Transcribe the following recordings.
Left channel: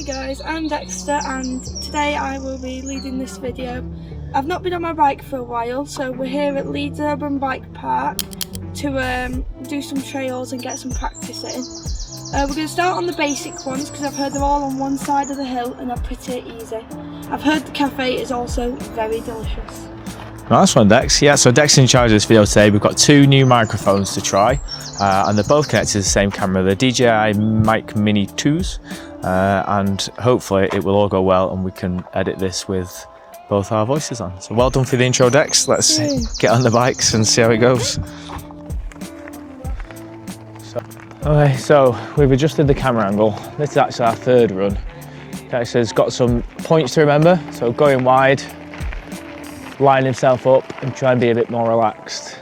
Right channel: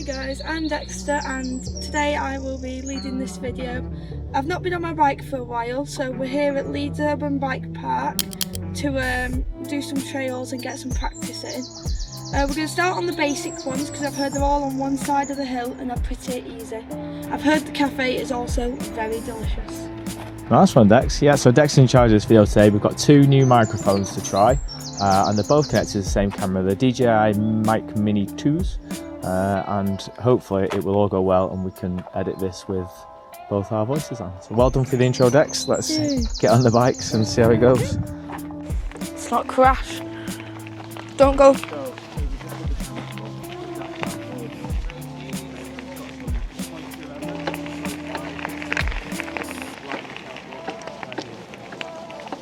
Hi guys, I'm Dexter and today I will be leading this video. I've not been on my bike for a while, so we're here at Leeds Urban Bike Park to do some trails and get some practice in. We're going to start on the basic ones because I've heard they're all on one side of the hill and they're pretty easy. I've heard the cafe is also very delicious. Nice one, Dex. Yeah, so Dex in charge of this video today. We've got two new microphones to try, and they're both connected to the same camera, the DJI Mic Mini 2s, and hopefully it will all go well and we can edit this with both our voices on. So well done for the intro, Dex. Let's get on the bikes and see how it goes. It's not crash. So we've adjusted the camera angle. This is actually our third run. Dexter's got some points to remember, so going wide, line himself up and try and be a bit more relaxed.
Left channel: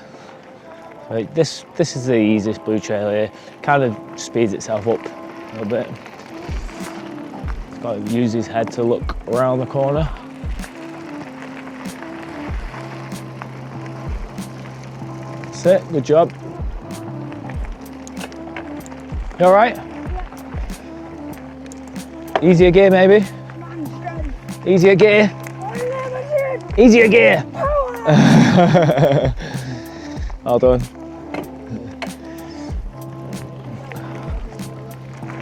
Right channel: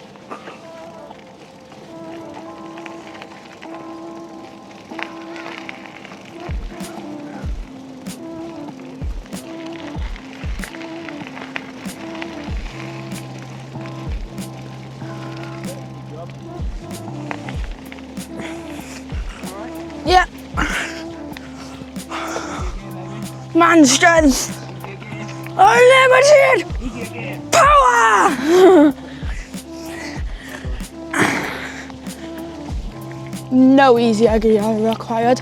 Like this is the easiest blue trail here. Kind of speeds itself up a little bit. Got to use his head to look around the corner. That's it, good job. You all right? Yeah. Easier gear maybe? Man strength. Easier gear? Unlimited. Easier gear. Power. Well done. No easier gear required.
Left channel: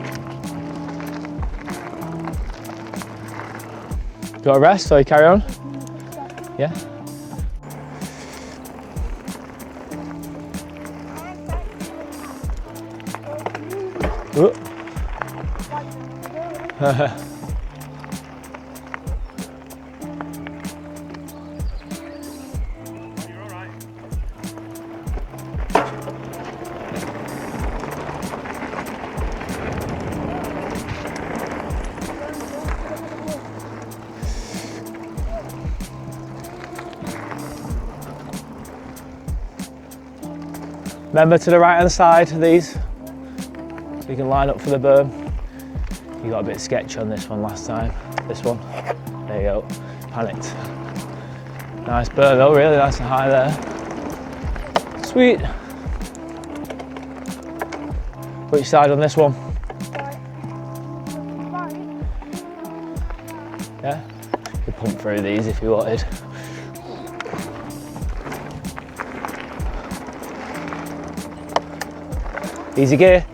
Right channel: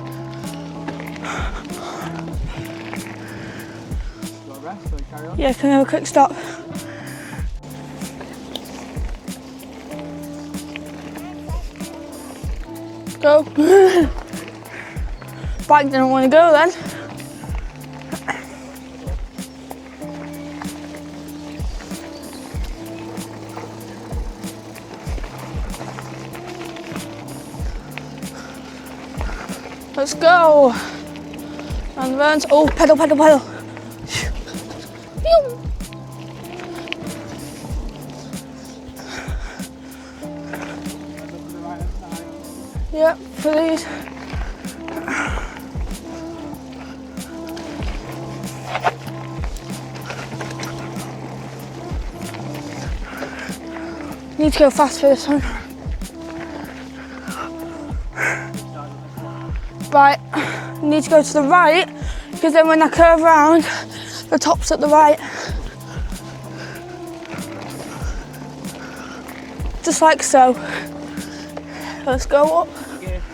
You got a rest or you carry on? Yeah, can I have a quick stop? Yeah. Go. Bike didn't want to go then. Let's go. And then, oh, pedal, pedal, pedal. Remember to the right hand side of these. Yep, for these. You can line up for the berm. You got a bit sketchy on this one last time. This one. There you go. Panicked. Nice berm though, really nice and high there. Need to go fast for this one. Which side on this one? Right, need to go to the right, because then when I curve around, Yeah. the top's at the right. Very easy if you wanted. Just like so. Let's go up. Easy gear.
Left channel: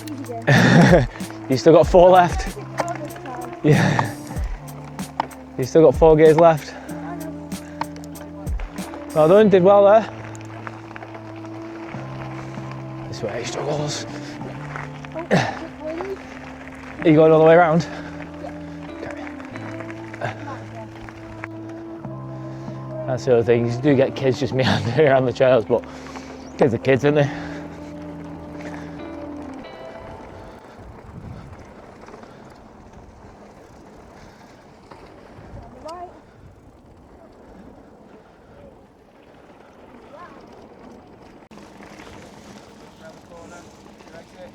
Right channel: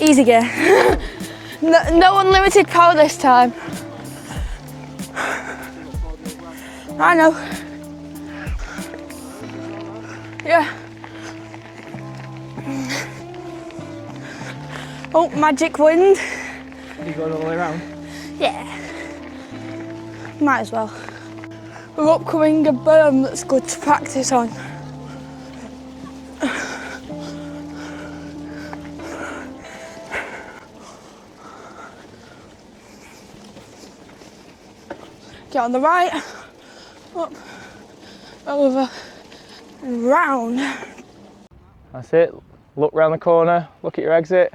Easy gear. You still got four no left. unlimited power this time. Yeah. You still got 4 gears left. I know. Well done, did well there. Yeah. That's where he struggles. Oh, magic wind. Are you going all the way around? Yeah. Might as well. We're upcoming a berm that's good to You get practice kids on. just meandering around the trails, but kids are kids, aren't they? Get on the right, up, over, round. That's it. Look round the corner, look at your exit.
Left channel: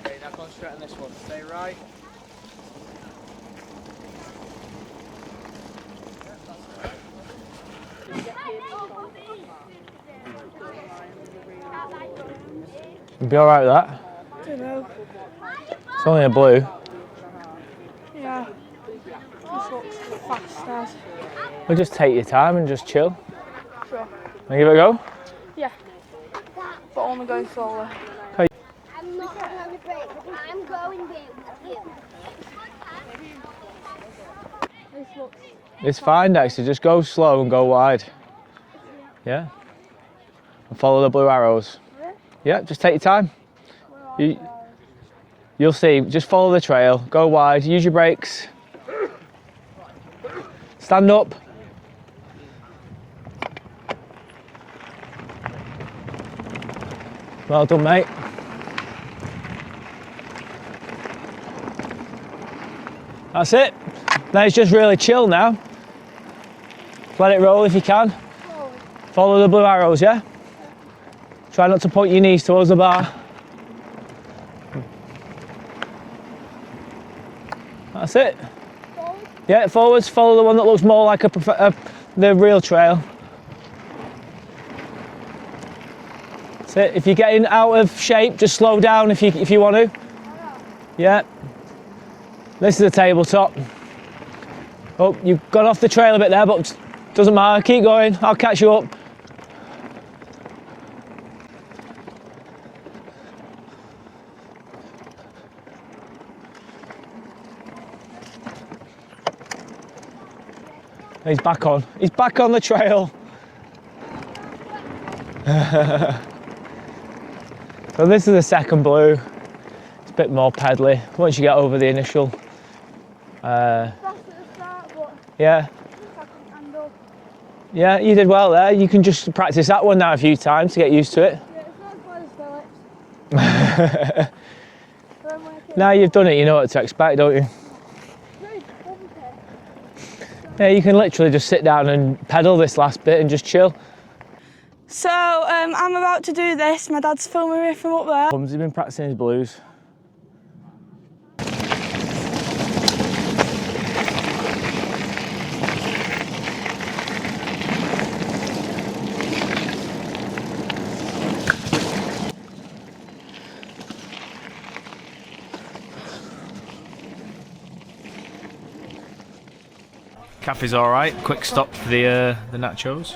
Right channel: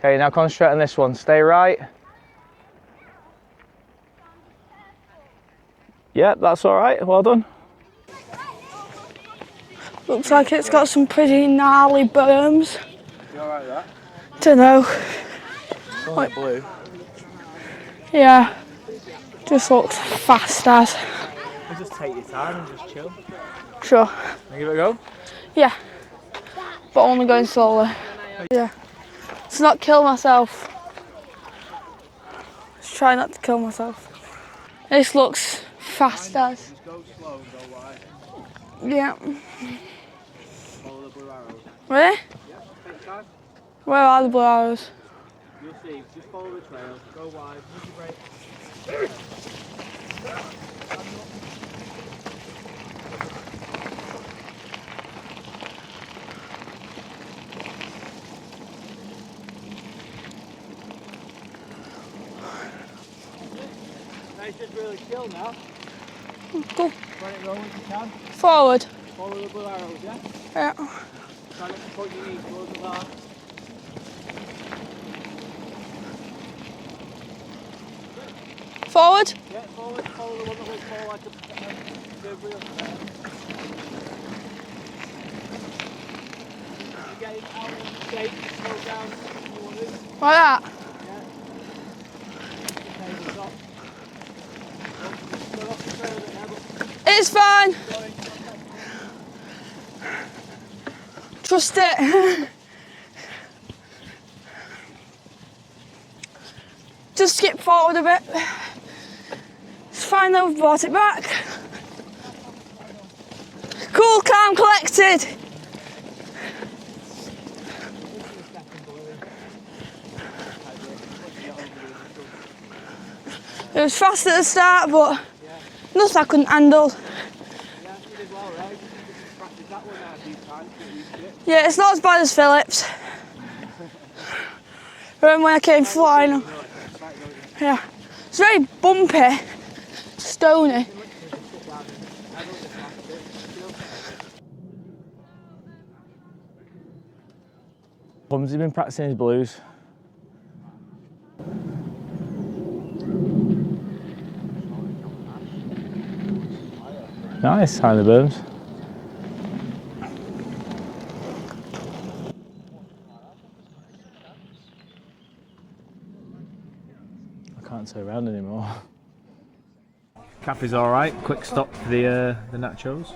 Okay, now concentrate on this one. Stay right. Yep, that's all right. Well done. Looks like it's got some pretty gnarly berms. You'll be all right with that. Dunno. It's only a blue. Yeah. Just looks fast as. Well, just take your time and just chill. Sure. And give it a go. Yeah. But only going slowly. Hey. Yeah. To not kill myself. Just try not to kill myself. This looks It's fast fine, as. Dexter. Just go slow and go wide. Yeah. Yeah. And follow the blue arrows. Really? Yeah, just take your time. Where are the blue arrows? You'll see. Just follow the trail. Go wide. Use your brakes. Stand up. Well done, mate. That's it. Now it's just really chill now. Go Let it roll if you can. forward. Follow the blue arrows, yeah? Yeah. Try not to point your knees towards the bar. That's it. Forward. Yeah, forwards. Follow the one that looks more like the real trail. That's it. If you're getting out of shape, just slow down if you want to. Like that? Yeah. This is the tabletop. Oh, you've gone off the trail a bit there, but it doesn't matter. Keep going. I'll catch you up. Trust it. Just skip forward a bit. It's fine though, we've brought it back. He's back on. He's back on the trail. Cool, calm, collected. Well, this is the second blue. Bit more pedally once you get over the initial. It was fast at the start, but yeah, nothing I couldn't handle. Yeah, you did well there. You can just practice that one now a few times to get used to it. Yeah, it's not as bad as Phillips. When I came now flying, you've done it, you know what to expect, don't you? Yeah. It's very bumpy, stony. Yeah, you can literally just sit down and pedal this last bit and just chill. So, I'm about to do this. My dad's filming me from up there. Mum's been practicing his blues. Nice, tiny boom. Can't say them anymore. Caffee's all right. Quick stop for the nachos.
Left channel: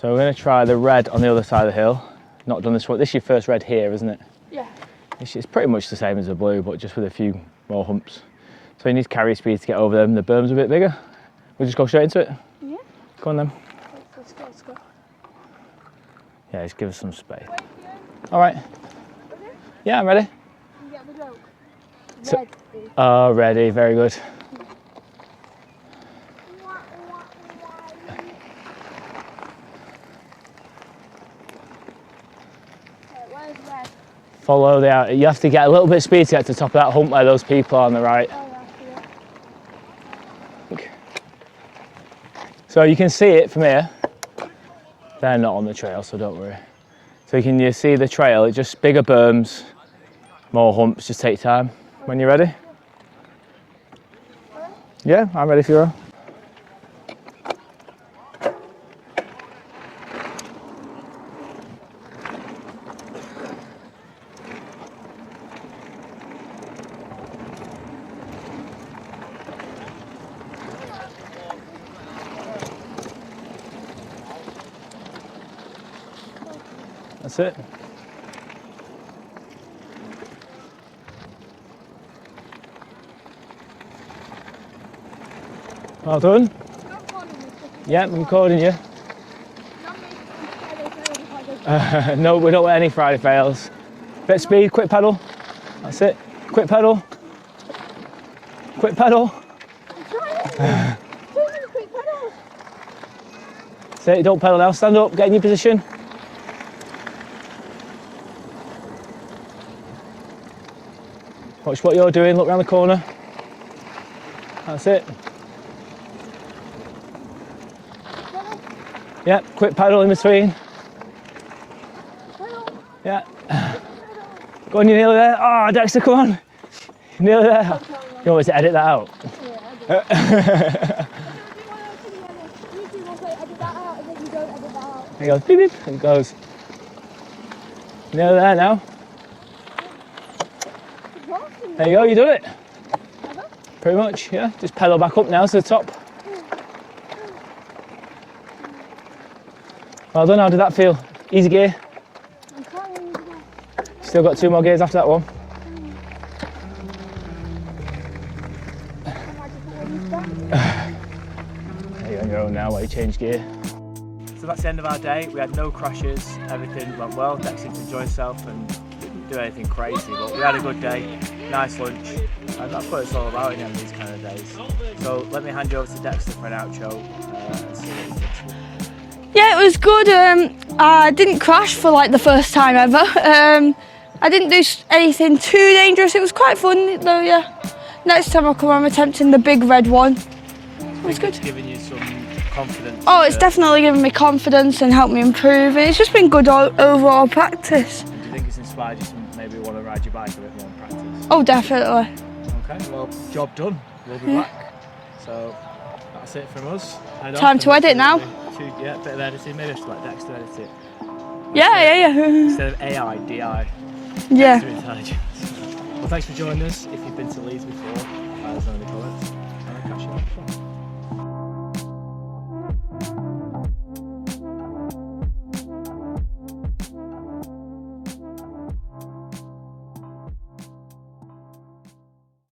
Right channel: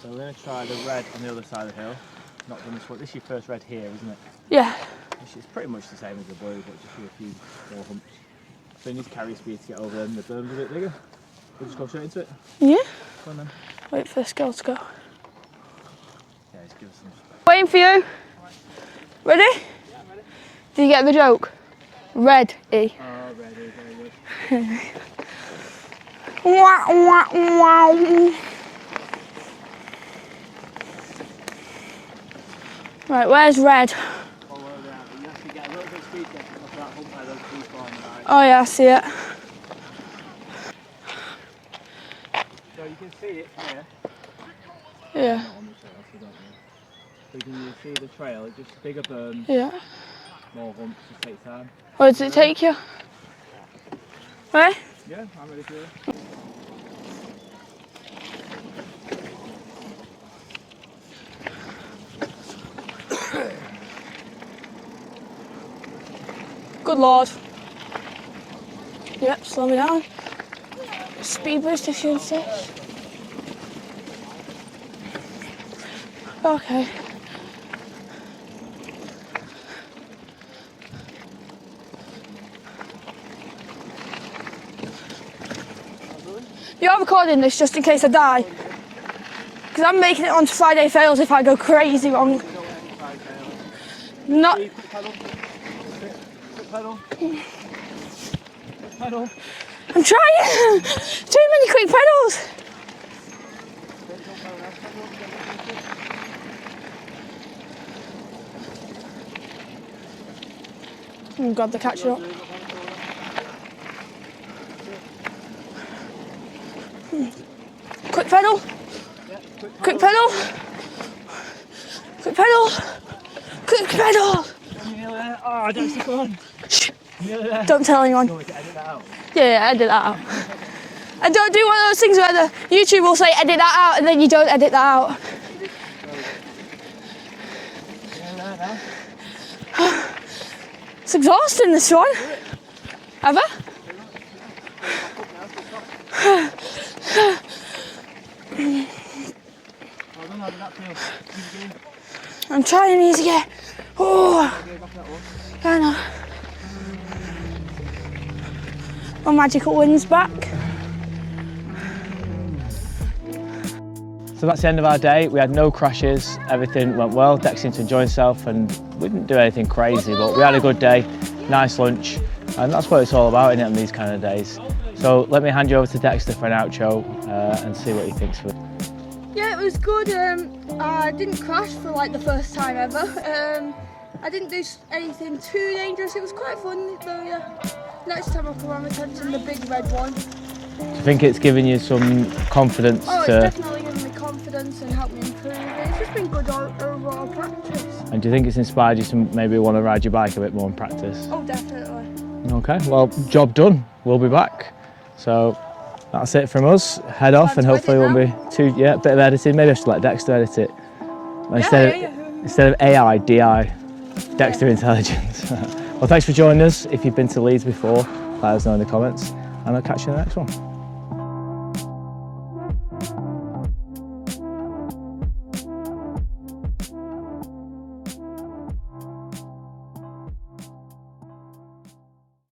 So we're going to try the red on the other side of the hill. Not done this one. This is your first red here, isn't it? Yeah. It's pretty much the same as the blue, but just with a few more humps. So you need carry speed to get over them. The berm's a bit bigger. We'll just go straight into it. Yeah. Go on then. Wait for this girl to go. Yeah, just give us some space. Waiting for you. All right. Ready? Yeah, I'm ready. Did you get the joke? Ready. Oh, ready. Very good. Wah, wah, wah. Right, where's red? Follow the out. You have to get a little bit of speed to get to the top of that hump where those people are on the right. Oh yeah, I see it. So you can see it from here. Yeah. They're not on the trail, so don't worry. So you see the trail, it's just bigger berms, Yeah. more humps, just take time. Where when does you're it ready. take you? Where? Yeah, I'm ready for you. Good lord. Yep, slow me down. Speed boost if you insist. Okay. That's it. Well done. You're recording this just in case I Yeah, die? recording you. Because I'm making it onto Friday Fails if I go crazy wrong. No, we don't want any Friday fails. Bit of speed, quick pedal. That's it. Quick pedal. Quick pedal. I'm trying! Too many quick pedals! That's it, don't pedal now. Stand up, get in your position. Watch what you're doing, look around the corner. That's it. Quick pedal. Yeah, quick pedal in between. Quick pedal. Yeah. Quick pedal. Go on, you're nearly there. Oh, Dexter, come on. Nearly there. Don't tell anyone. You want us to edit that out? Yeah, edit that out. And don't do one of those things where the YouTube will say edit that out and then you don't edit that out. It goes, beep, beep, and it goes. Nearly there now. It's exhausting, this There one. you go, you do it. Have I? Pretty much, yeah. Just pedal back up now to the top. Well done, how did that feel? Easy gear. I'm trying easy gear. Still got 2 more gears after that one. I know. My magical wind's back. You're on your own now while you change gear. So that's the end of our day. We had no crashes, everything went well. Dex seemed to enjoy himself and we didn't do anything crazy, but we had a good day, nice lunch, and that's what it's all about, isn't it, on these kind of days. So let me hand you over to Dexter for an outro and see what he thinks of it. Yeah, it was good. I didn't crash for like the first time ever. I didn't do anything too dangerous. It was quite fun though, yeah. Next time I'll come, I'm attempting the big red one. I think it's given you some confidence. Oh, it's definitely given me confidence and helped me improve. And it's just been good overall practice. And do you think it's inspired you to maybe want to ride your bike a bit more in practice? Oh, definitely. Okay, well, job done. We'll be back. So that's it from us. Head off. Time to edit now. Yeah, a bit of editing. Maybe I should let Dexter edit it. Yeah. Instead of AI, DI. Yeah. Dexter Intelligence. Well, thanks for joining us. If you've been to Leeds before, let us know in the comments, and I'll catch you in the next one.